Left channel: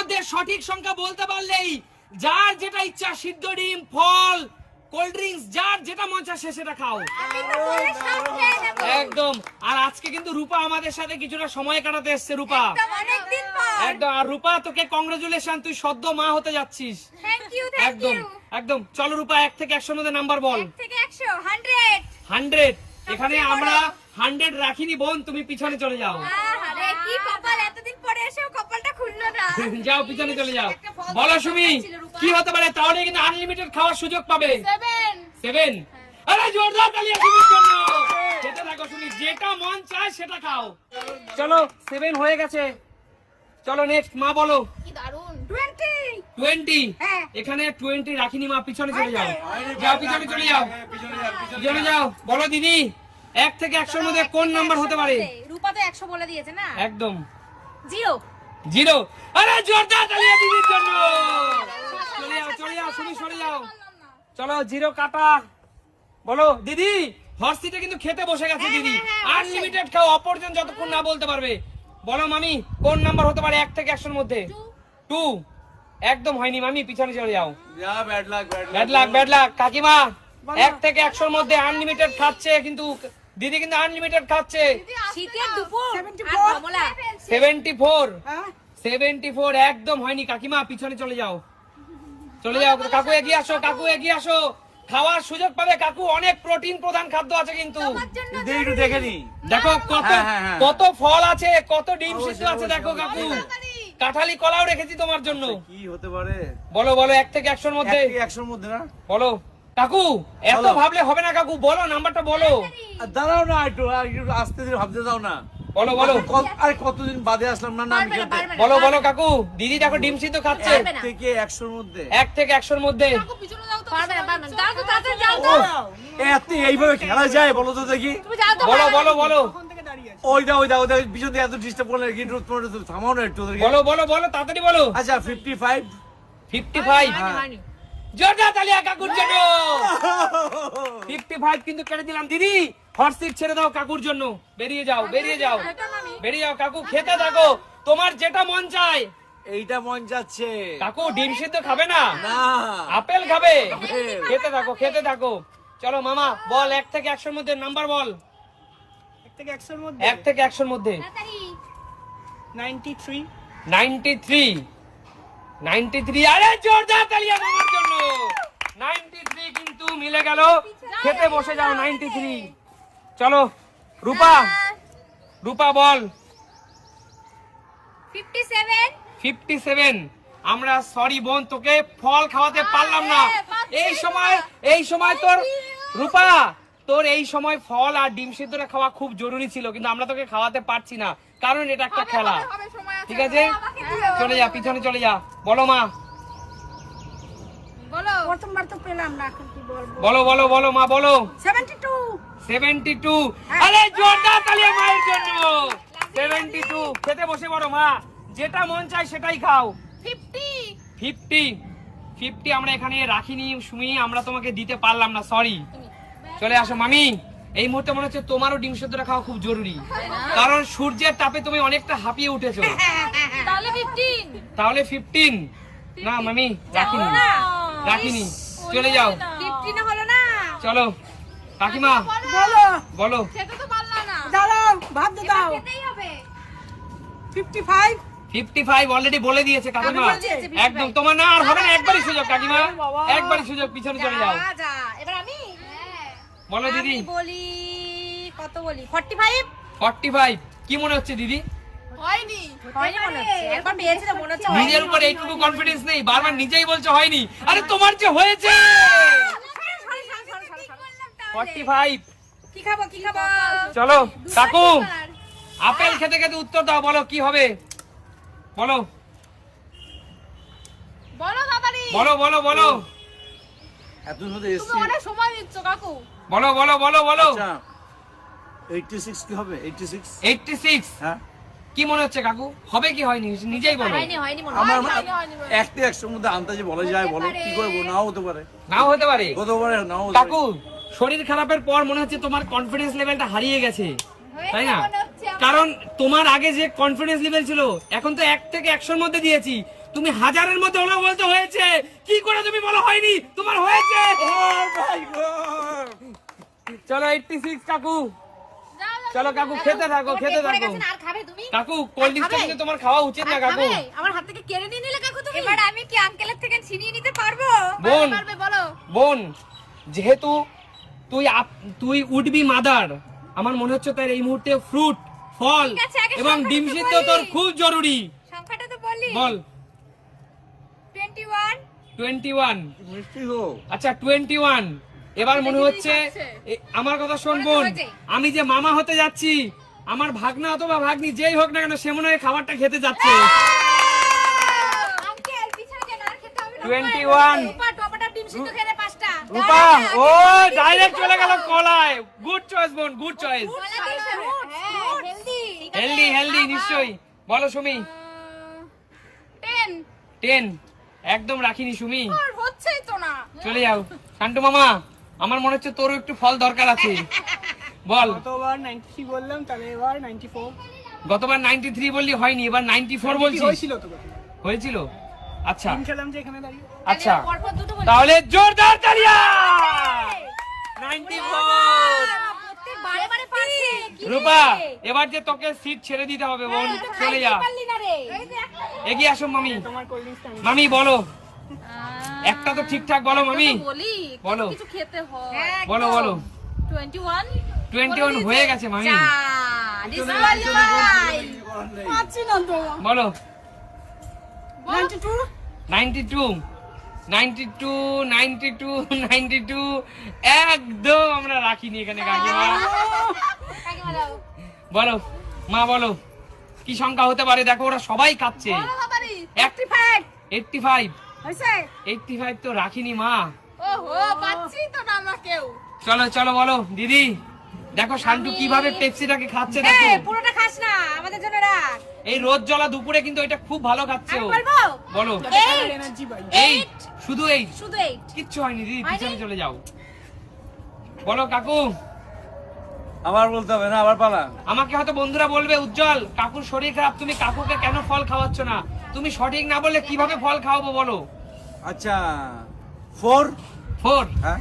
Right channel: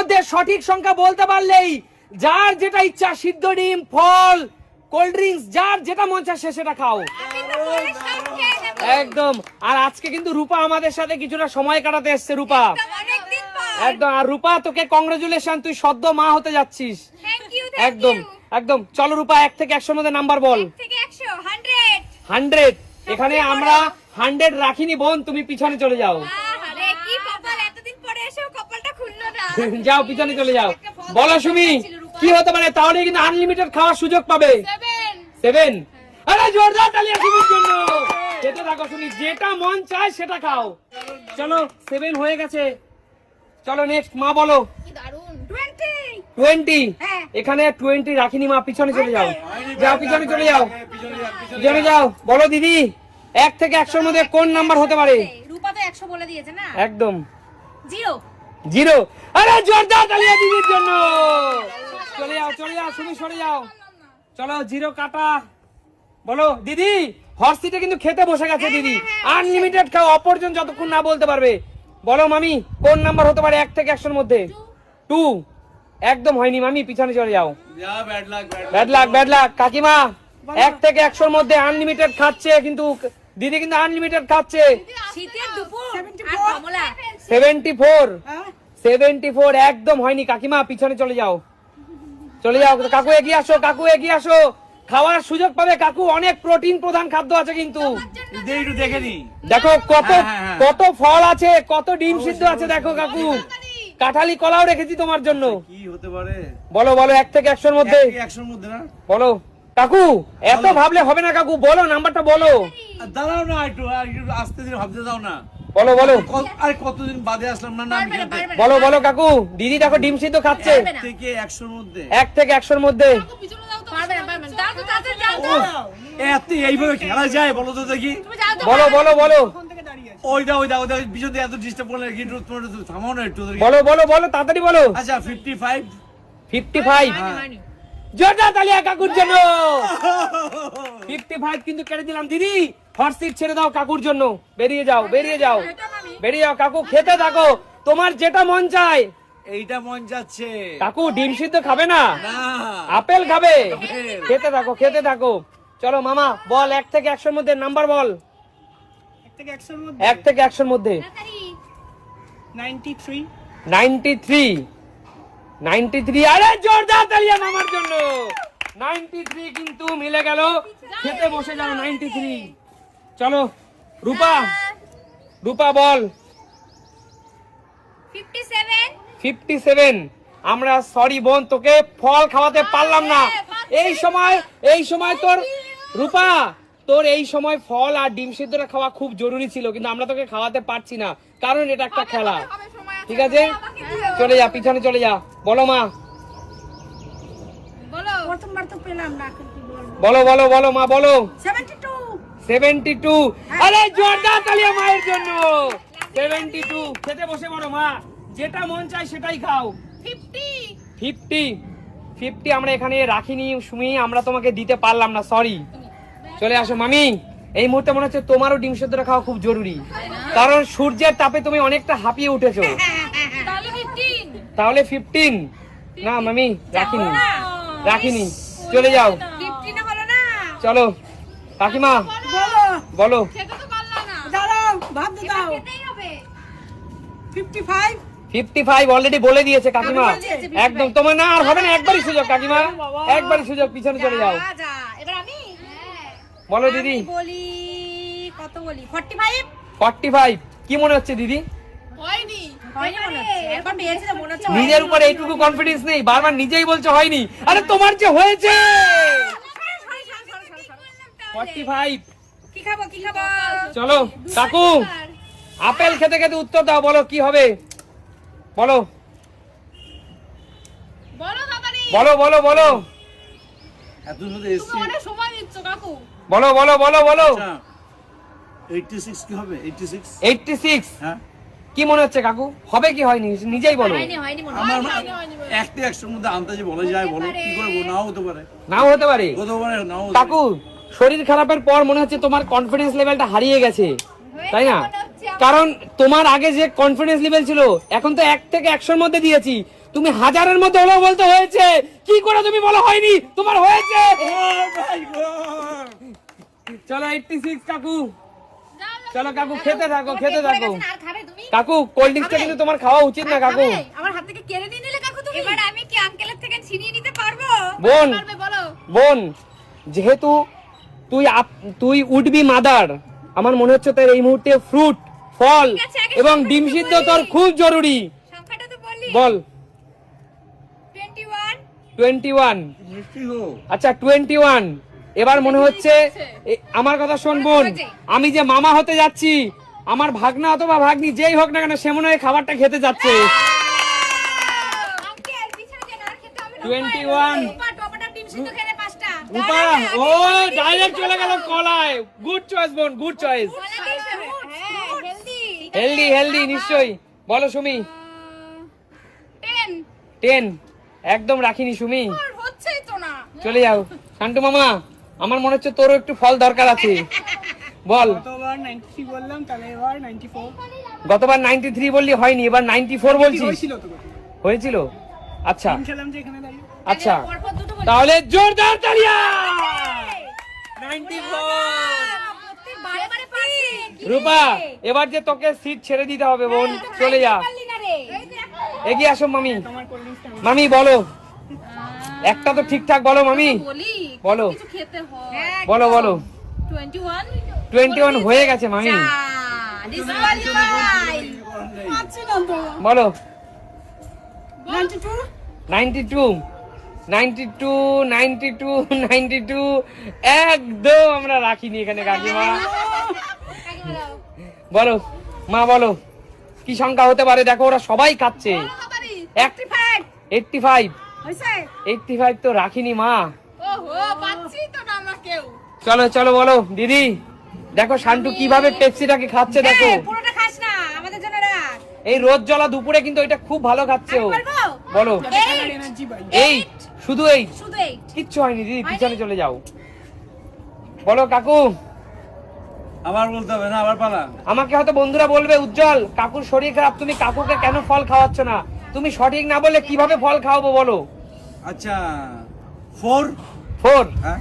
মধ্যে সঠিক সংখ্যা বলতে পারলেই যার যেটা ইচ্ছা সিদ্ধ ডিম ফল কোল্ড ড্রিঙ্কস যার যেটা মন চায় সে সেটা খাও। একদম। আর আজকে কিন্তু রূপা আমাদের সাথে কিছুটা সময় কাটাতে এসছে রূপা। একদম আর রূপা তোকে কংগ্রেচুলেশন তুই সদ্য মা হতে যাচ্ছিস। একদম একদম। চলো রূপা এক থেকে একশোর মধ্যে নাম্বার বল। এক থেকে একশো, 100 হান্ড্রেড এখানে আমরা হান্ড্রেড রাখিনি বোন তুমি পিছনে চলে যাও। কি কপাল, এতদিন পরে খুললো না। যাও পিছনে চলে যাও। বলো সুমি কি হতে পারে? তাহলে কিন্তু আনলিমিটেড খাওয়ার সুযোগ পাবে। সেভেন আরে জোরদার তালিয়া সুমির জন্য। খেতে থাকো সুমি যেটা মন চায় সেটা খাও। চলো সেভেন হয়ে গেছে। চলো নেক্সট মা বলো। কি দারুণ। 20 টোয়েন্টি হ্যাঁ। এখানে টোয়েন্টি রাখিনি মা পিছনে চলে যাও। যাও পিছনে চলে যাও। পিছনে যাও বলো দিদি এক থেকে একশোর মধ্যে কোন নাম্বার হতে পারে? রূপা তো একশো বলে দিয়েছে না? একদম। Zero zero. আরে জোরদার তালিয়া দিদির জন্য। চলে যাও চলে যাও সুমি সরে যাও। চলো জিরো কাটা। বলো দিদি হর্সিটা কিন্তু খেতে বসে গেছে দিদি। আনলিমিটেড খাও অপরজন যতক্ষণ না বলতে পারবে। বলো মামি কোন নাম্বার হতে পারে এক থেকে একশোর মধ্যে? টু একদম হয়নি মামি পিছনে চলে যাও। Bad luck bad luck bad luck কাকিমা এক থেকে একশোর মধ্যে আনলিমিটেড খাচ্ছে কিন্তু দিদি কিন্তু আনলিমিটেড খাচ্ছে। শীতের দুপুর। একদম হয়নি। কাকিমা পিছনে চলে যাও। চলে যাও। কাকু এগিয়ে আসো কাকু এগিয়ে আসো। খাওয়ার সুযোগ পাবে কাকু। অনেক প্রোটিন প্রধান খাদ্য আছে কিন্তু। দেখে কত হ্যাঁ, হ্যাঁ, হ্যাঁ। কত ফল আছে কত ডিম সিদ্ধ আছে দেখো কাকু। কাঁঠালি কলাও রেখেছি তোমার জন্য। কি হতে পারে? বলো বলো এক থেকে একশোর মধ্যে। একশোর মধ্যে না? বলো। কাকু এত ভাবলে হবে না কাকু বলো নাম্বারটা বলো। দাঁড়াও না একটু আস্তে ধীরে ভাবতে দাও না। বলো বলো। আরে কতদিন বাদে আসলাম না না আমি পারবে না, খেতে। পারবে না। বলো বলো কাকু দিদি দেখো ডিম সিদ্ধ খাচ্ছে। এক থেকে একশোর মধ্যে। এক থেকে একশোর মধ্যে। এত এইভাবে খেলা যায় বলো তো দেখি। বলো বলো বলো। ওইটা ওইটা ওইটা পিছন দিয়ে এত ডিস্টার্ব করলে কি থামাও না একটু বলো বলো বলো তাড়াতাড়ি বলো। আচ্ছা ফিফটি ফাইভ ফিফটি ফাইভ জোরদার তালিয়া কাকুর জন্য। ফিফটি ফাইভ কিন্তু কেটে দিলাম দিদি। হট সিট ছেড়ে দাও কাকুর জন্য। বেরিয়ে যাও বেরিয়ে যাও। বেরিয়ে যাও কাকু খেতে থাকো। তোমার যেটা মন চায়। এইটা মন যাচ্ছে। কাকু ডিম সিদ্ধ খাবে না? না। আপেল খাবে? খেতে থাকো খেতে থাকো। চলো মামা বল এক থেকে একশোর মধ্যে নাম্বার বল। এক থেকে একশোর মধ্যে? এক থেকে একশোর মধ্যে। Ninety three. Ninety three. Ninety three আরে জোরদার তালিয়া মামার জন্য। নাইনটি থ্রি কিন্তু মিলে গেল। খেতে বসে যাও নাইনটি থ্রি। চলো রূপা রূপা বল। 57 ফিফটি সেভেন। আমরা সরি বোন তোকে ফল খাওয়াতে পারলাম না। এই সময় এই সময় তোর রূপা তোর এই সময় ফল আর ডিম সিদ্ধটা খাওয়া খুব জরুরি ছিল কিন্তু আমরা তোকে খাওয়াতে পারছি না। কারণ এটা একটা খেলা। ঠিক আছে? চলে যা পিছনে চলে যা। বলো মা। বলো। বলো বলো বলো মা বলো। সেভেন্টি টু সেভেন্টি টু আরে জোরদার তালিয়া মায়ের জন্য। সেভেন্টি টু খেতে বসে বড় মা। যেটা মন চায় সেটাই খাও। 50 ফিফটি ফিফটি আমরা এখানে রাখিনি সুমি আমরা তোমাকে দিতে পারলাম না সরি চলে আসো মামি। এই মুহূর্তে মনে হচ্ছে তোমারও ডিম সেদ্ধটা খাওয়া খুব জরুরি। কারণ সূর্যের তাপে তুমি অনেকটা হাঁপিয়ে উঠেছো। তাহলে 15 তাহলে ফিফটিন না মামি রাখিনি। রাখিনি। চলে যাও। 15 হলো না। চলো। কাকিমা বলো। বলো। খেতে তো পারলা না। দাঁড়াও ভাবতে দাও। খেতেই হবে। Fifty five fifty five already বলে দিয়েছে কাকিমা একদম তোমার না আর হবে না একবারই সুযোগ কাকিমা। একবারই সুযোগ পিছনে চলে যাও। যা। যা এবার আমি? বলো দিদি। বলি কত বলি? 45 ফর্টি ফাইভ কি মনে হচ্ছে দিদি? হয়নি। হয়নি মনে হচ্ছে। এরকম পেয়েছি তো মনে হচ্ছে নিজের উপর এইটুকু কনফিডেন্স নেই। বারবার নিজেই বলছে হয়নি। আরে তোমার যে হয়েছে! ফর্টি ফাইভ কি খাব কি খাব? চলো কাকু আপেল খেতে খেতে উত্তর দাও বলো কি হবে? বলো। বলো বলো বলো বলো। এত সময় নিচ্ছ কাকু। বলো বলো বলো বলো। আচ্ছা এইটটি সিক্স কি হবে? এইটটি সিক্স এইটটি সিক্স হ্যাঁ। কি মনে হচ্ছে কাকু? হবে কি হয়নি? নিজেই বলো। হয়নি হয়নি মনে হয় এক থেকে একশোর মধ্যে আন্দাজে বলা যায় বলো। কি করে নাও হতে পারে। নাও হতে পারে। হতে পারে নাও কাকু শরীর খারাপের পর মনে হচ্ছে তোমার কনফিডেন্স লেভেলটা হারিয়ে গেছে। তাই না? কারণ তোমার আগে যে কনফিডেন্স লেভেল ছিল এখন তো এক থেকে একশোর মধ্যে দিয়েছি। তুমি হাজারের মধ্যে হলো বলতে হয়েছে। কি করে তুমি বলো হয়নি? তোমার হয়েছে। Oh! চলো এইটটি সিক্স কাকু। চলো কাকু খেতে থাকো খেতে থাকো। গেছে না, আর খাবে তুমি? কাকু কোল্ড ড্রিঙ্কসটা খাবে? কিন্তু তোমার খাওয়া উচিত না কাকু। আমার হাত থেকে কেড়ে নিয়ে নিলে কাকু তুমি? এবার আমি কি আঙ্কেলের থেকে ছিনিয়ে নিতে পারব? বোন। পারবে বলো। বোন যেহেতু তুই তুই উঠবি মাদার আমার মনে হচ্ছে তোর এই মুহূর্তে ফ্রুট ফল এবং ডিম সিদ্ধ তোর খুব জরুরি। সংখ্যাটা তো বললি বল। 21 টোয়েন্টি ওয়ান মিষ্টি হো আচ্ছা টোয়েন্টি ওয়ান এবার মনে হচ্ছে আমার কথা শোন বোন আমি যে মামা হতে যাচ্ছি আমার ভাগনা অথবা ভাগ্নি যেই হোক না কেন সে মনে হয় খাবারটা খেতে যাচ্ছে। আঙ্কেল পিছনে যেন আর খেতে হবে না। 21 রূপা টপাটা ডিম সিদ্ধ খেলে পাঁচটা। রূপা ও ডাইরেক্ট চলে গেল কলায়। গুড চয়েস বোন গুড চয়েস হেলদি হেলদি নিশ্চয়ই। বলো সুমি। টেন একদম রাখিনি সুমি। চলে যাও। শান্টু মামা। আমার মনে হচ্ছে তোরও একটু ফল দরকার আছে। বল। গতবার 93 বললাম তাহলে এবার 94 গতবার নাইনটি থ্রি বললি হয়নি এবার নাইনটি ফোর বলছিস। হয়েছিল তো হয়েছিল? আচ্ছা। খেলাম যে এখানে দাঁড়িয়ে। আচ্ছা। পরপর দুটো বলি তাহলে জোরদার তালিয়া নাইনটি ফোর প্রত্যেক বারে বারে পারছে কি রূপা এবার যে তোকে সিট ছেড়ে দিতে হবে বোন চলে যা। এগিয়ে আসো মামি। মামি বলো। একটা তো ঠিকঠাক বলো মামি। বলো বলো। বলো 21 21 হয়ে গেছে মামি। বলো। 92 92 92 92 92 একদম আমরা রাখিনি এখানে কাকিমা। বলো। মা বলো। কি সংখ্যা হতে পারে? দেখো ওরা সবাই খাচ্ছে। 85 85 85 তো রাখিনি মা। ওহো পাচ্ছি তো না আমরা কেউ। চলো চলো বলো দিদি। দেখো শান্তু কীভাবে পেপসিটাকে খাচ্ছে দেখো। পুরোটা খাস না আমাদের জন্য রাখ। এই রোদ জ্বলা দুপুরে কিন্তু এটা খুব ভালো খাচ্ছে বলো। এই শুধু এই শুধু এই কিচ্ছু হয়নি দিদি পিছনে চলে যাও। বলো কাকু। আবার বলতে হবে না আবার পালা। আমাকে হয়তো বন্ধুরা বলবে উজ্জ্বল কাকুর শরীর খারাপ তুমি কাকুকে কেন ফল খাওয়াচ্ছ না? তুমি সঠিক না বললে কীভাবে ফল খাওয়াবো বলো? আচ্ছা ফোর? ফোর? হ্যাঁ।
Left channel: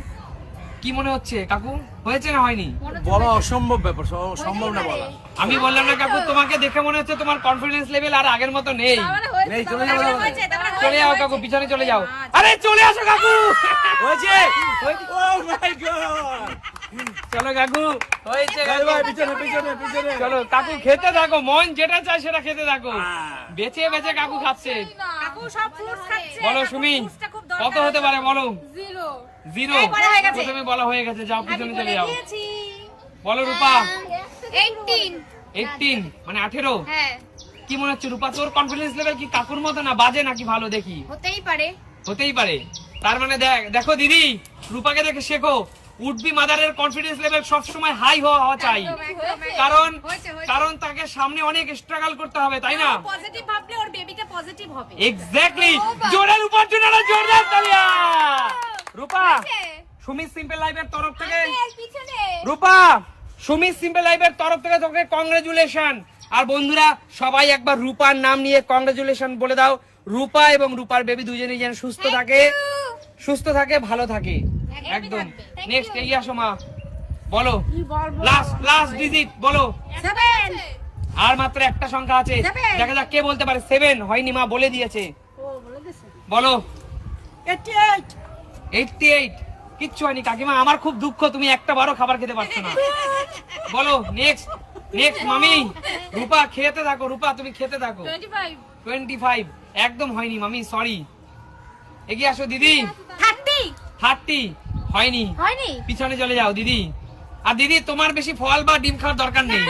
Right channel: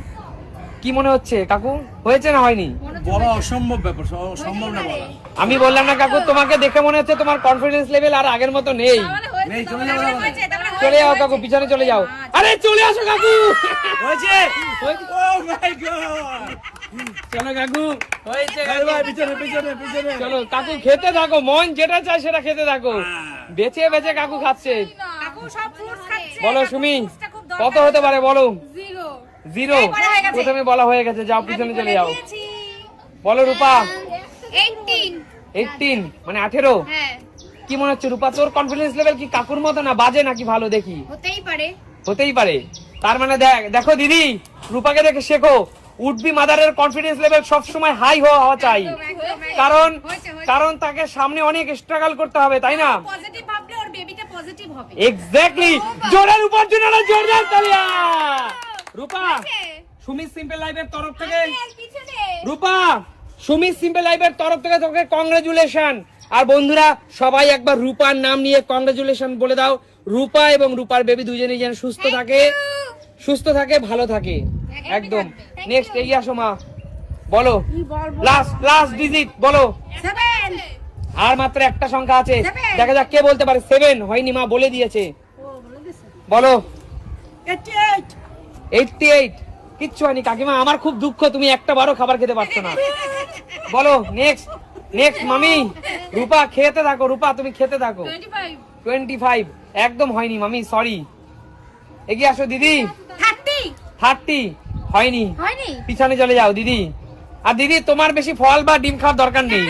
কি মনে হচ্ছে কাকু? হয়েছে না হয়নি? বলা অসম্ভব ব্যাপার সম্ভব না বলা। আমি বললাম না কাকু তোমাকে দেখে মনে হচ্ছে তোমার কনফিডেন্স লেভেল আর আগের মতো নেই। নেই চলে যাব না। চলে যাও কাকু পিছনে চলে যাও। আরে চলে আসো কাকু! হয়েছে? Oh my God! চলো কাকু। হয়েছে পিছনে পিছনে পিছনে। চলো কাকু খেতে থাকো মন যেটা চায় সেটা খেতে থাকো। হ্যাঁ। বেছে বেছে কাকু খাচ্ছে। কাকু সব ফ্রুটস খাচ্ছে। বলো সুমি কত হতে পারে বলো? জিরো। হয়ে। প্রথমে বলা হয়ে গেছে যাও পিছনে চলে যাও। বলো রূপা। 18 এইটিন মানে আঠেরো? হ্যাঁ। কি মনে হচ্ছে রূপা তোর কনফিডেন্স লেভেল কি কাকুর মতো না বাজে নাকি ভালো? দেখি। হতেই পারে। হতেই পারে। তার মানে দেখ দেখো দিদি রূপাকে দেখে শেখো। উঠবি মাদারের কনফিডেন্স লেভেল সবসময় হাই হওয়া চাই। কারণ কারণ তাকে সামনে অনেক স্ট্রাগল করতে হবে তাই না? পজিটিভ ভাবলে ওর বেবিটা পজিটিভ হবে। এক্স্যাক্টলি জোরের উপর জোরদার তালিয়া! রূপা সুমি সিম্পল লাইফের তরফ থেকে রূপা সুমি সিম্পল লাইফের তরফ থেকে তোকে কংগ্রেচুলেশন আর বন্ধুরা সবাই একবার রূপার নাম নিয়ে কংগ্রেচুলেশন বলে দাও। রূপা এবং রূপার বেবি দুজনেই যেন সুস্থ থাকে। সুস্থ থাকে ভালো থাকে। একদম। নেক্সট এগিয়ে আসো মা। বলো। লাস্ট লাস্ট ডিজিট বলো। আর মাত্র একটা সংখ্যা আছে। দেখা যাক কে বলতে পারে। সেভেন হয়নি মা বলে দিয়েছে। বলো এইটটি এইট কিচ্ছু হয়নি কাকিমা। আমার খুব দুঃখ তুমি একটা বারো খাবার খেতে পারছ না। বলো নেক্সট নেক্সট মামি। রূপা খেতে থাকো রূপা তুমি খেতে থাকো। টোয়েন্টি ফাইভ একদম হয়নি মামি সরি এগিয়ে আসো দিদি। 30 থার্টি হয়নি। হয়নি? পিছনে চলে যাও দিদি। আর দিদি তোমার বেশি ফল বা ডিম খাওয়ার দরকার নেই।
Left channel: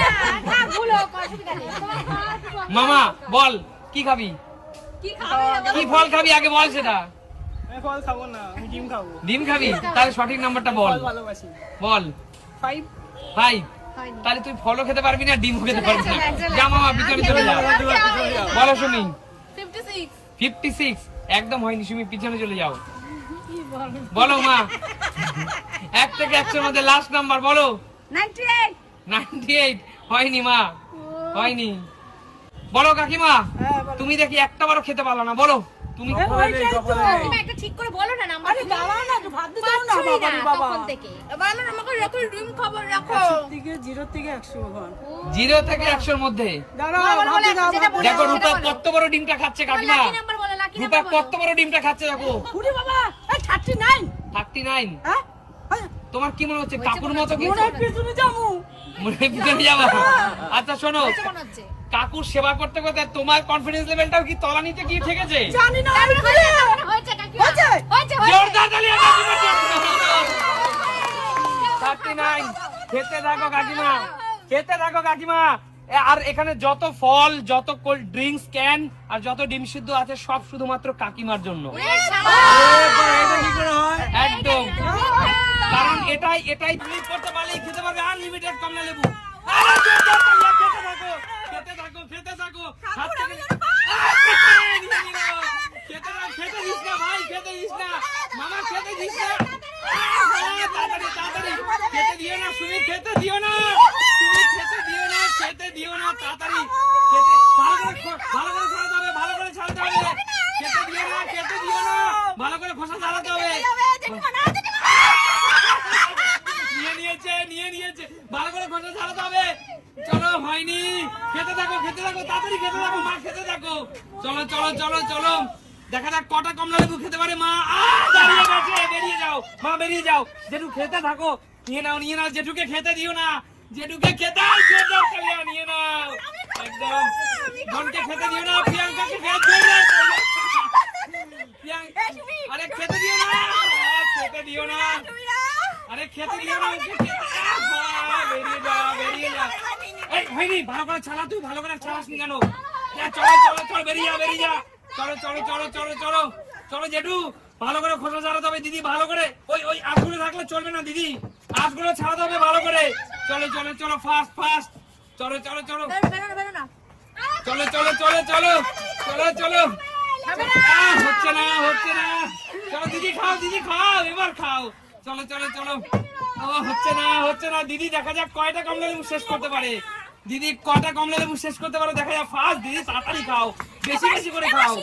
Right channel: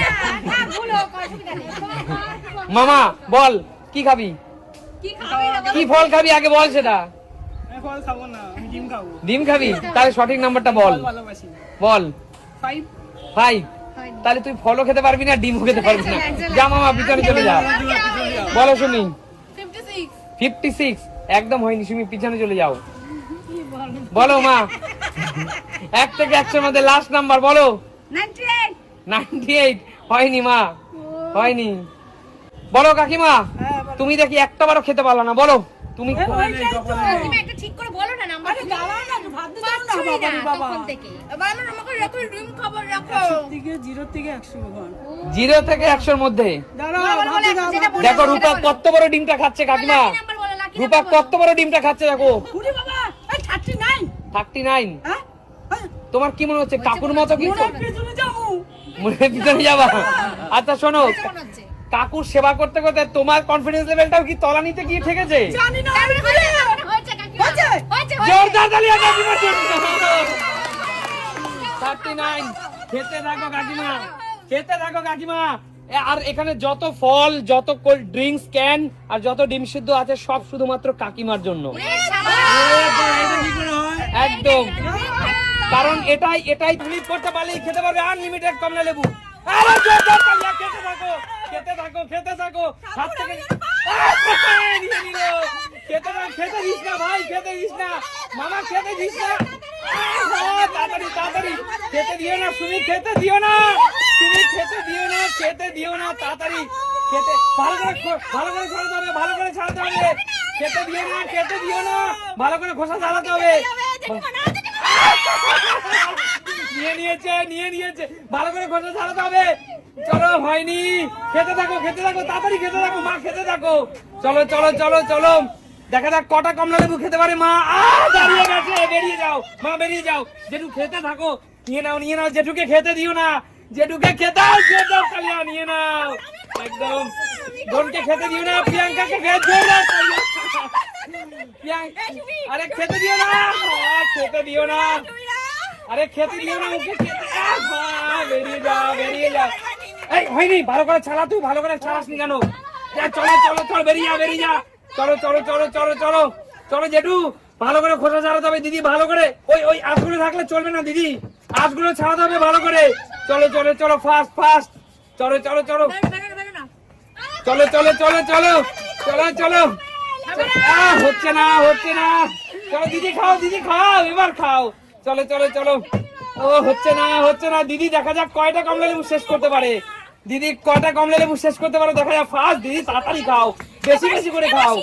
মামা বল কি খাবি? কি ফল খাবি? আগে বল সেটা। আমি ফল খাব না ডিম খাবি। তাহলে সঠিক নাম্বারটা বল। বল। ফাইভ ফাইভ তাহলে তুই ফলও খেতে পারবি না ডিমও খেতে পারবি না। যা মামা পিছনে চলে যা। বলো শুনি। 56 ফিফটি সিক্স একদম হয়নি তুমি পিছনে চলে যাও। বলো মা। এক থেকে একশোর মধ্যে লাস্ট নাম্বার বলো। নাইনটি এইট হয়নি মা। হয়নি। বলো কাকিমা হ্যাঁ তুমি দেখি একটা বারও খেতে পারল না বলো। তুমি কপালে নেই, কপালে নেই। তুমি একটা ঠিক করে বলো না নাম্বার। দাঁড়াও না ভাত দাও না বাবা। বাবা থেকে। এবার আমাকে রাখো ডিম খাবার রাখো। থেকে জিরো থেকে ঘর একশোর মধ্যে। দাঁড়াও দেখো রূপা কত বড় ডিমটা খাচ্ছে কাকিমা। রূপা কত বড় ডিমটা খাচ্ছে দেখো। উড়ি বাবা এই থার্টি নাইন। Thirty nine. হ্যাঁ? এই, তোমার কি মনে হচ্ছে কাকুর মতো কি মনে পিছনে যাব। মনে পিছনে যাবা? আচ্ছা শোনো। কাকুর সেবা করতে করতে তোমার কনফিডেন্স লেভেলটাও কি তলানিতে গিয়ে ঠেকেছে? জানি না হয়েছে, হয়েছে। হয়েছে? জোরদার থার্টি নাইন। খেতে থাকো কাকিমা। খেতে থাকো কাকিমা। আর এখানে যত ফল যত কোল্ড ড্রিঙ্কস ক্যান আর যত ডিম সিদ্ধ আছে সব শুধুমাত্র কাকিমার জন্য। একদম। কারণ এটাই এটাই করতে পারলে খেতে পারবে আনলিমিটেড কমলা লেবু। থাকো খেতে থাকো খেতে থাকো। হাত থেকে নিয়ে নিল। খেতে খেতে দিস না ভাই খেতে দিস না। মামা খেতে দিস না। তাড়াতাড়ি তাড়াতাড়ি। খেতে দিও না তুমি খেতে দিও না। তুমি খেতে দিও না খেতে দিও না তাড়াতাড়ি। খেতে ভালো করে ভালো করে ছাড়াতে হবে ভালো করে ছাড়াতে হবে খেতে দিও না খেতে দিও না। ভালো করে খোসা ছাড়াতে হবে। নিয়ে নিয়েছে নিয়ে নিয়েছে। ভালো করে খোসা ছাড়াতে হবে। চলো হয়নি। খেতে থাকো খেতে থাকো, তাড়াতাড়ি খেতে থাকো, মা, খেতে থাকো। চলো চলো চলো চলো। দেখা যাক কটা কমলা লেবু খেতে পারে মা। দাঁড়িয়ে গেছে, বেরিয়ে যাও। মা, বেরিয়ে যাও। জেঠু, খেতে থাকো। নিয়ে নাও নিয়ে নাও। জেঠুকে খেতে দিও না। জেঠুকে খেতে নিয়ে নাও। একদম। বোনকে খেতে দিও না, প্রিয়াঙ্কাকে খেতে আরে খেতে দিও না। খেতে দিও না। আরে খেতে দিও না, ওকে বেরিয়ে যাও বেরিয়ে যাও। এই হয়নি ভালো করে ছাড়া তুই ভালো করে ছাড়াস নি কেন চলো চলো চলো বেরিয়ে যা বেরিয়ে যা চলো চলো চলো চলো চলো চলো জেঠু ভালো করে খোসা ছাড়াতে হবে দিদি ভালো করে ওই ওই আঁশগুলো থাকলে চলবে না দিদি আঁশগুলো ছাড়াতে হবে ভালো করে চলো চলো চলো ফাস্ট ফাস্ট চলো চলো চলো। চলো চলো চলো চলো চলো চলো হচ্ছে না হচ্ছে না চলো দিদি খাও দিদি খাও এবার খাও চলো চলো চলো ও হচ্ছে না হচ্ছে না দিদি দেখা যাক কয়টা কমলা লেবু শেষ করতে পারে দিদি কটা কমলা লেবু শেষ করতে পারো? দেখা যাক ফার্স্ট দিদি তাড়াতাড়ি খাও। বেশি বেশি করে খাও।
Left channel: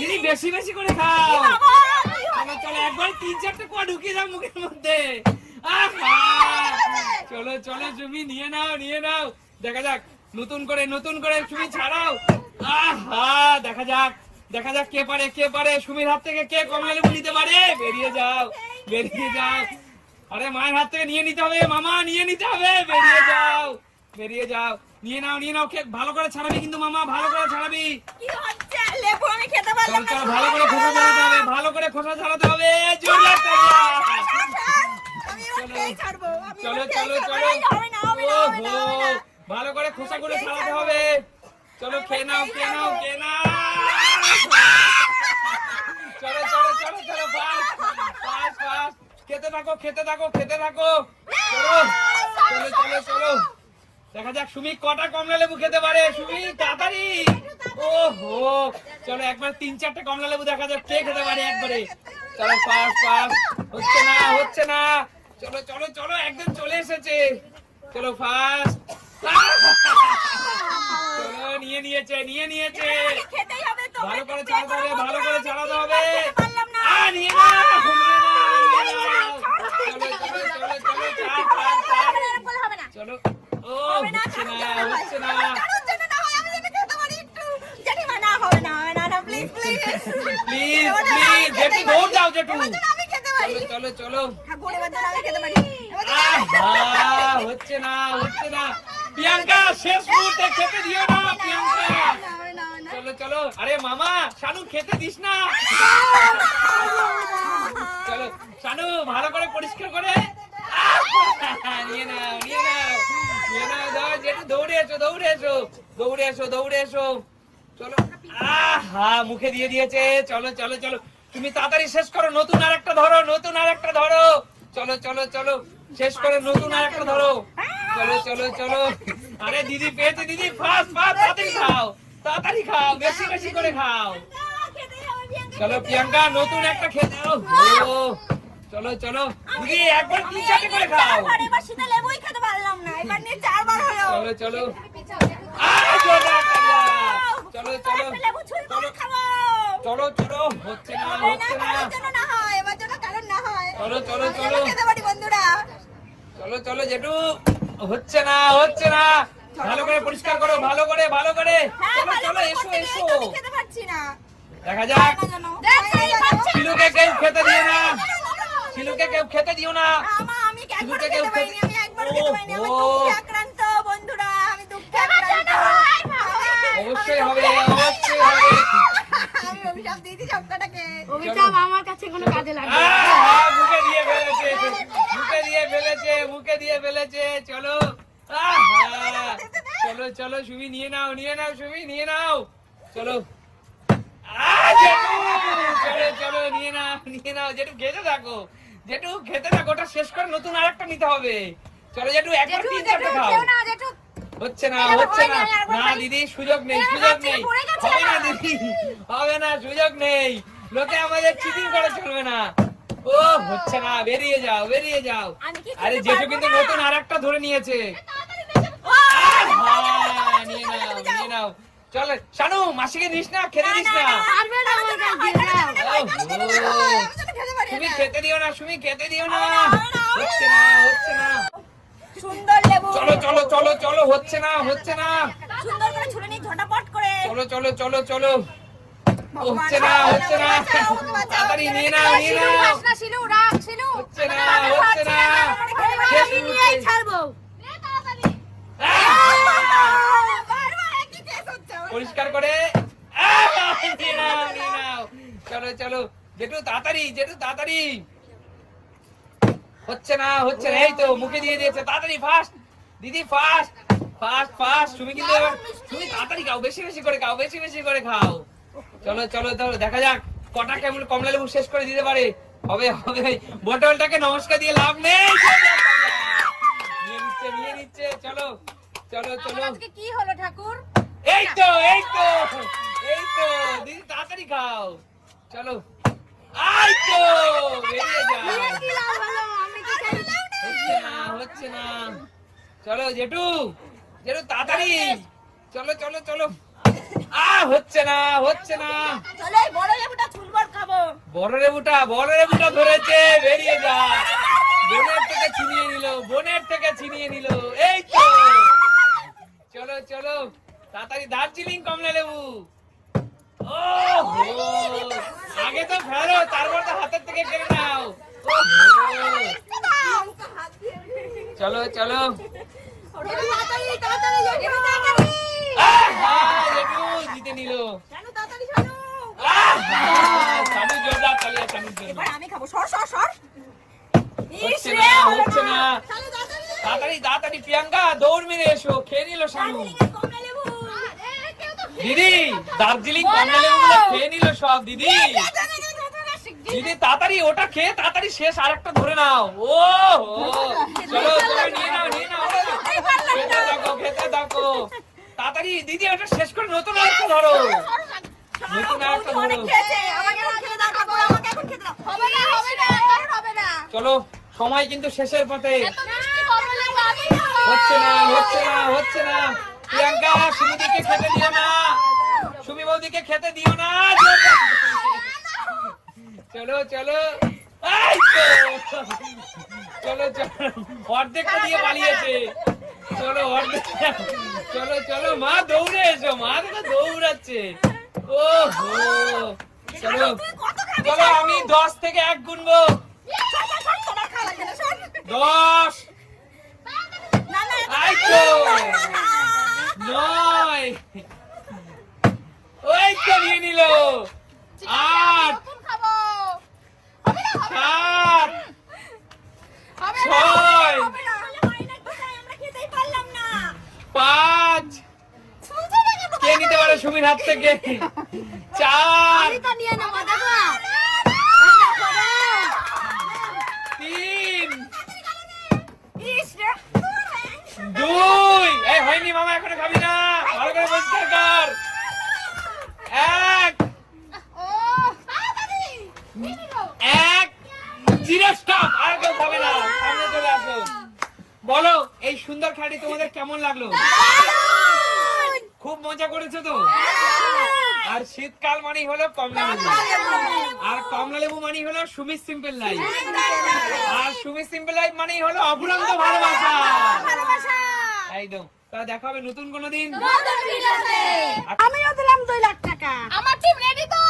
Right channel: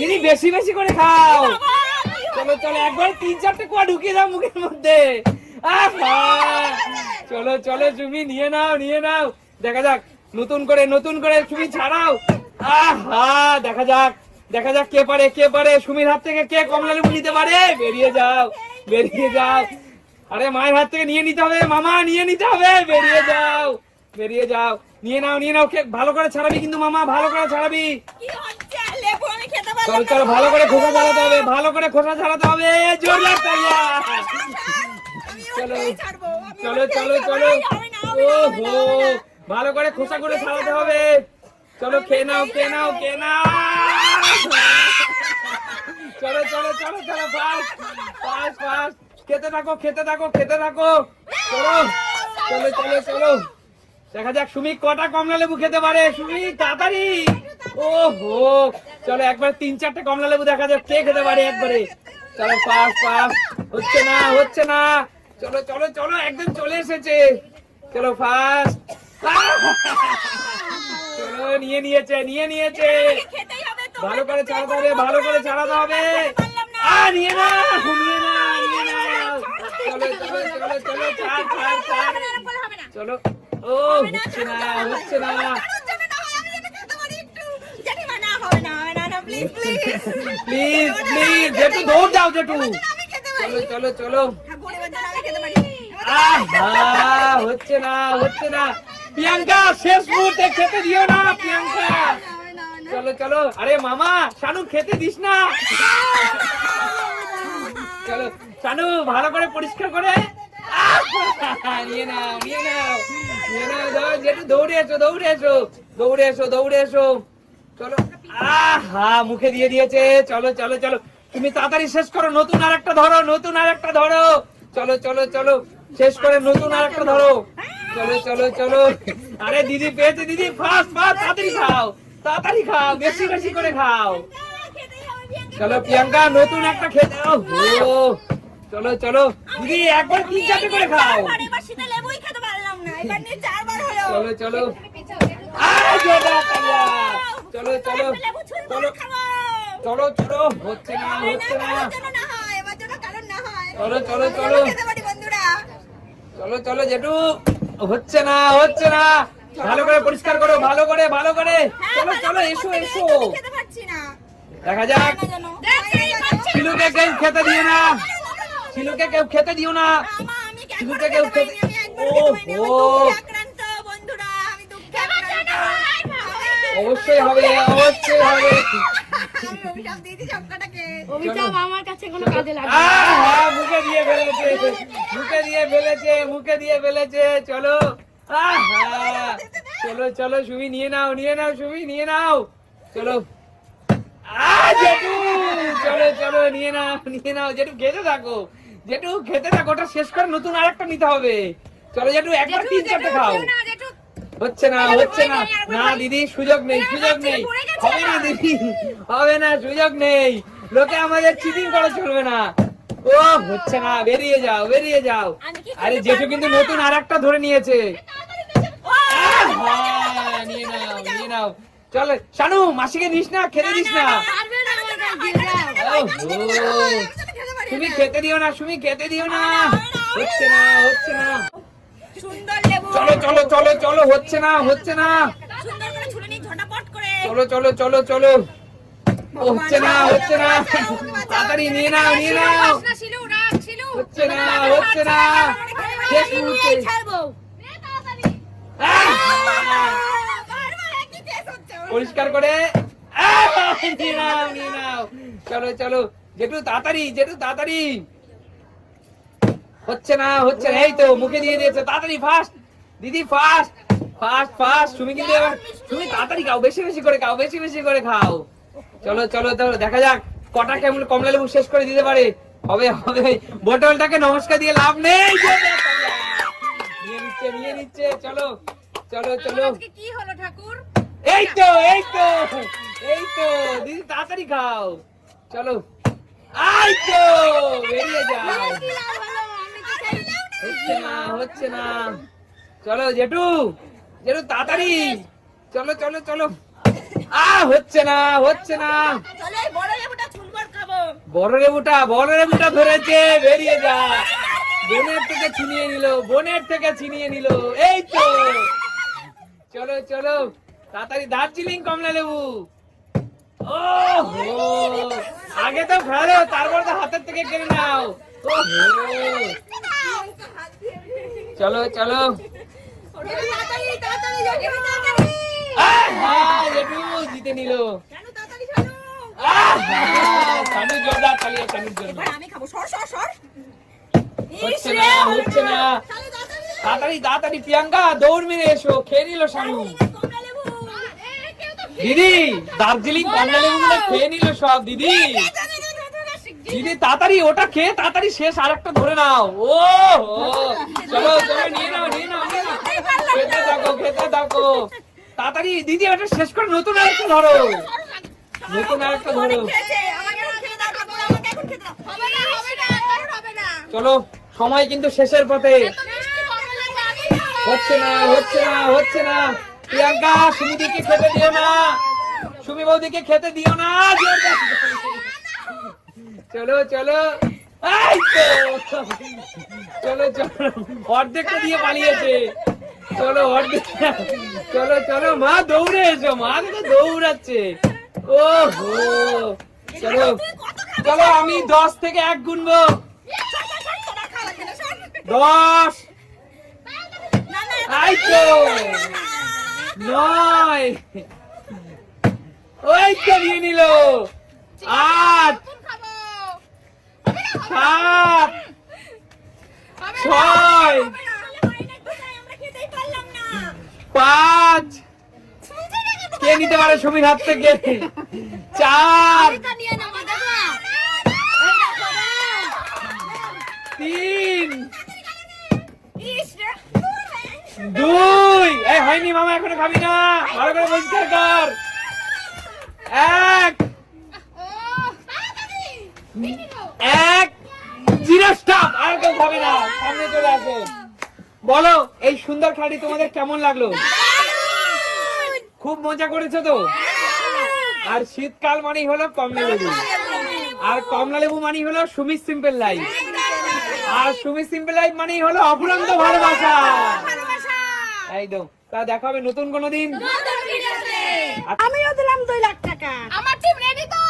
দিদি বেশি বেশি করে খাও। চলো চলো একবার তিন চারটে কোয়া ঢুকিয়ে দাও মুখের মধ্যে। আহা! চলো চলো তুমি নিয়ে নাও নিয়ে নাও। দেখা যাক নতুন করে নতুন করে তুমি ছাড়াও। আহা দেখা যাক দেখা যাক কে পারে কে পারে। সুমির হাত থেকে কে কমলা লেবু নিতে পারে? বেরিয়ে যাও বেরিয়ে যাও। আরে মায়ের হাত থেকে নিয়ে নিতে হবে মামা নিয়ে নিতে হবে। বেরিয়ে যাও। বেরিয়ে যাও। নিয়ে নাও নিয়ে নাও ভালো করে ছাড়াবি কিন্তু মামা ভালো করে ছাড়াবি। কি হচ্ছে? লেবু আমি খেতে চলো। ভালো করে খোসা ছাড়াতে হবে ভালো করে খোসা ছাড়াতে হবে। চলো। চলো চলো চলো। ভালো করে খোসা করে ছাড়াতে হবে। চলো খেয়ে নাও খেয়ে নাও খেয়ে নাও। চলো চলো চলো চলো ফাস্ট। Fast fast. খেতে থাকো খেতে থাকো খেতে থাকো। চলো চলো চলো চলো। দেখা যাক সুমি কটা কমলা লেবু খেতে পারে সুমি তাড়াতাড়ি ওহো চলো একবার তিন চারটে কমলা লেবু দেখা যাক কে খেতে পারে একবারে চলো ফাস্ট ফাস্ট হচ্ছে না হচ্ছে না চলো চলো চলো একদম চলে এসেছে চলো ফাস্ট নিয়ে নিয়েছে নিয়ে নিয়েছে। ভালো করে চালাতে হবে ভালো করে চালাতে হবে না। নিয়ে নাও। চলো। হবে না, হচ্ছে না। প্লিজ প্লিজ দৌড় যাও আমি খেতে পারি। চলো চলো চলো। আমি খেতে পারি। আহা, হচ্ছে না হচ্ছে না। প্রিয়াঙ্কা শেষ মুহূর্তে খেতে দিও না প্রিয়াঙ্কা। চলো চলো। আরে মামা শানু খেতে দিস না। চলো শানু ভালো করে পরিষ্কার করে নিয়ে নাও নিয়ে নাও। দৌড়ে এসো দৌড়ে এসো দৌড়ে এসো দৌড়ে এসো চলো। আহা মুখে দিয়ে দিয়েছে। চলো চলো চলো। তুমি তাড়াতাড়ি শেষ করো নতুন আর একটা ধরো নতুন আর একটা ধরো। চলো চলো চলো। শেষ করে নতুন আর একটা ধরো। চলো চলো চলো। আরে দিদি পেয়েছে দিদি। ফাস্ট ফাস্ট তাড়াতাড়ি খাও। তাড়াতাড়ি খাও বেশি বেশি করে খাও। চলো প্রিয়াঙ্কা নতুন একটা খেতে ও চলো চলো। দিদি একবার তিন চারটে করে খাও। চারবার, এবার শীতে লেবুই খেতে পারলাম না। এবার নিয়ে চারবার হলো। চলো চলো। চলো চলো লেবু খাব। চলো চলো। হচ্ছে না হচ্ছে না কারোর না হয় এবার জন্য কারণ না হয়। চলো চলো চলো। খেতে পারি বন্ধুরা। চলো চলো জেঠু। হচ্ছে না হচ্ছে না। ভালো করে পরিষ্কার করো ভালো করে ভালো করে। হ্যাঁ চলো চলো এসো এসো। খেতে পারছি না। দেখা যাক। শিলুকে কেউ খেতে দিও না। শিলুকে কেউ খেতে দিও না। আমা আমি শিলুকে কেউ খেতে- আমি একবারও খেতে পারিনি। আমি দুঃখে আক্রান্ত বন্ধুরা আমি দুঃখে আক্রান্ত। অবশ্যই হবে অবশ্যই হবে। আমি অভিশাপ দিয়েছি সবকটাকে অভিশাপ আমার কাছে কোনো কাজে লাগবে না। মুখে দিয়ে ফেলেছে মুখে দিয়ে ফেলেছে মুখে দিয়ে ফেলেছে। চলো। চলো চলো সুমি নিয়ে নাও নিয়ে নাও সুমি নিয়ে নাও। চলো। আহ, চলো চলো নিয়ে নাও নিয়ে নাও। জেঠু খেতে থাকো। জেঠু খেতে থাকো ওটা শেষ করে নতুন আরেকটা নিতে হবে চলো জেঠু একবার তিন চারটে খাও হচ্ছে না হচ্ছে না না দিদি সুযোগ নেই সুযোগ নেই হবে না দিদি হবে না সুযোগ নেই লোকে আমাদের চিটিং করা চলবে না ও হচ্ছে না বেরিয়ে যাও বেরিয়ে যাও আরে জেঠু কিন্তু নতুন আরেকটা ধরে নিয়েছে চল শানু মাসিকে দিস না খেতে দিস না পারবে না। আমার কাছে দিয়ে দাও। ওহো, আমি তো খেতে দিও না। খেতে দিও না হচ্ছে না হচ্ছে না। সুন্দর লেবু। চলো চলো চলো চলো হচ্ছে না হচ্ছে না। সুন্দর করে ঝটাপট চলো চলো চলো চলো। হচ্ছে না হচ্ছে না। বাঁচাও, আমাকে বাঁচাও। তাড়াতাড়ি নিয়ে নাও নিয়ে নাও। শিলু রাখ শিলু। হচ্ছে না হচ্ছে না। আমি ছাড়বো। পরিষ্কার করে। চলো চলো। জেঠু তাড়াতাড়ি জেঠু তাড়াতাড়ি। হচ্ছে না হচ্ছে না এই তো মুখে দিয়ে দিয়েছে তাড়াতাড়ি ফাস্ট দিদি ফাস্ট ফাস্ট ফাস্ট তুমি কিন্তু তুমি তাড়াতাড়ি খাও বেশি বেশি করে খাও বেশি বেশি করে খাও। চলো চলো তো দেখা যাক কটা কেমন কমলা লেবু শেষ করে দিতে পারে। হবে হবে বটলটাকে নমস্কার দিয়ে লাভ নেই। নিয়ে নিচ্ছে নিয়ে নিচ্ছে চলো চলো চলো। আজকে কি হলো ঠাকুর? এই তো এই তো এই তো দিদি তাড়াতাড়ি খাও। চলো। এই তো বেরিয়ে চাই হচ্ছে না হচ্ছে না। চলো জেঠু জেঠু তাড়াতাড়ি। চলো চলো চলো। আ হচ্ছে না হচ্ছে না। চলো বড় লেবুটা ছুলবার খাব। বড় লেবুটা বড় লেবুটা ধরেছে বেরিয়ে যা। বোনের থেকে ছিনিয়ে নিল বোনের থেকে ছিনিয়ে নিল। এই তো। চলো চলো। তাড়াতাড়ি দার্জিলিং কমলা লেবু। ও আগে তো ভালো তারপর তো হাতের থেকে কেড়ে নাও। চলো চলো জিতে নিল আমি খাব সর সর সর। তাড়াতাড়ি তাড়াতাড়ি প্রিয়াঙ্কা দৌড় মেরে এসো খেয়ে নিল শানু দিদি দার্জিলিং কমলা খেয়ে নিল সব দিদি। দিদি তাড়াতাড়ি ওটা খেয়ে তাড়াতাড়ি শেষ আরেকটা ধরে নাও। ও চলো চলো নিয়ে নাও নিয়ে নাও খেতে থাকো খেতে থাকো। তাড়াতাড়ি দিদি ওটা শেষ করে নতুন আরেকটা ধরো। নতুন আরেকটা ধরো। আমাকে খেতে দাও আমাকে এখন খেতে দাও। হবে না হবে না আর হবে না। চলো সময় কিন্তু শেষের পথে। হচ্ছে না হচ্ছে না হচ্ছে না। প্রিয়াঙ্কা সুমিদিকে খেতে দিও না? সুমি বৌদিকে খেতে দিও না? চলো চলো। চলো চলো। অর্ধেকটা দিয়ে পালিয়েছে। চলো অর্ধেক। চলো চলো। মা দৌড়ে এসো। মা তো দৌড়াচ্ছে। ও হো। চলো। চলো আমি দশ থেকে এক গুনবো দশ না, না, এত এই তো। খাওয়া নয় ওই তো নিয়ে নিল। আট সাত ছয়। পাঁচ শুনছে না কিন্তু কে নিতে পারে সুমির হাত থেকে? চার তিন দুই। এই, হয়নি মামা, এখনও খাবি না। ভালো করে পরিষ্কার কর এক। এক। জিরো স্টপ আর কেউ খাবে না। সামনে চলে আসো। বলো, এই সুন্দর খেলাটি তোমাদের কেমন লাগল? খুব মজা করেছ তো? আর শীতকাল মানেই হলো কমলা লেবু আর কমলা লেবু মানেই হলো সুমিত সিম্পল লাইফ। আর তুমি সিম্পল লাইফ মানেই হলো অফুরন্ত ভালোবাসা। একদম। তা দেখা হবে নতুন কোনো দিন। আচ্ছা। আমিও দিলাম দুই লাখ টাকা। আমার টিম রেডি তো?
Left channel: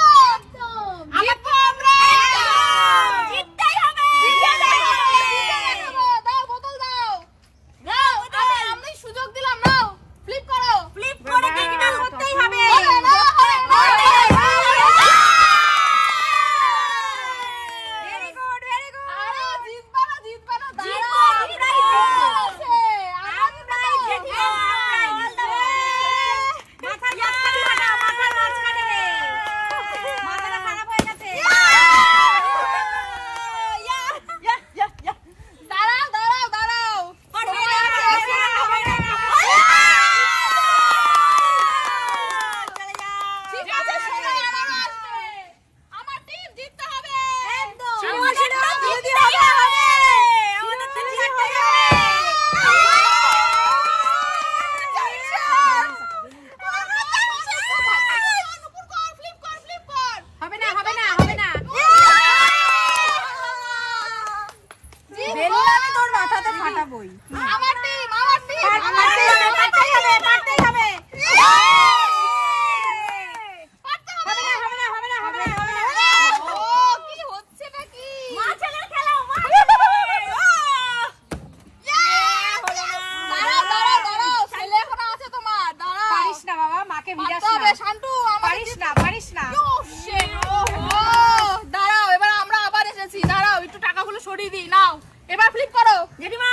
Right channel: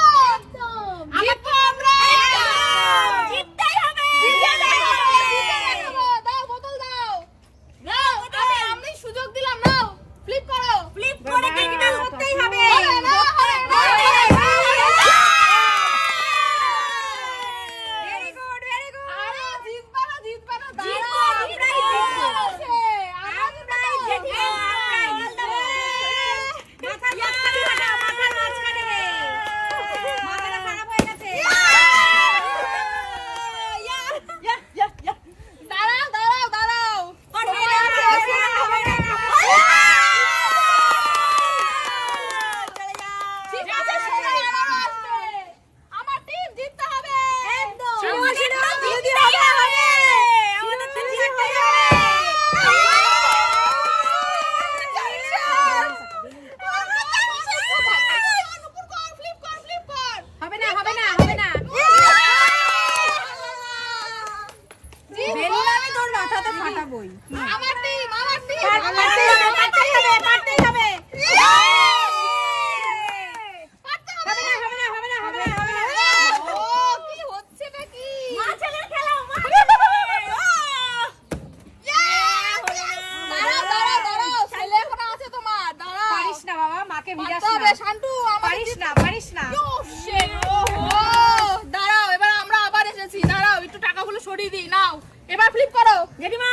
ছড়িয়ে দিই নাও। এবার ফ্লিপ করো। জেঠিমা!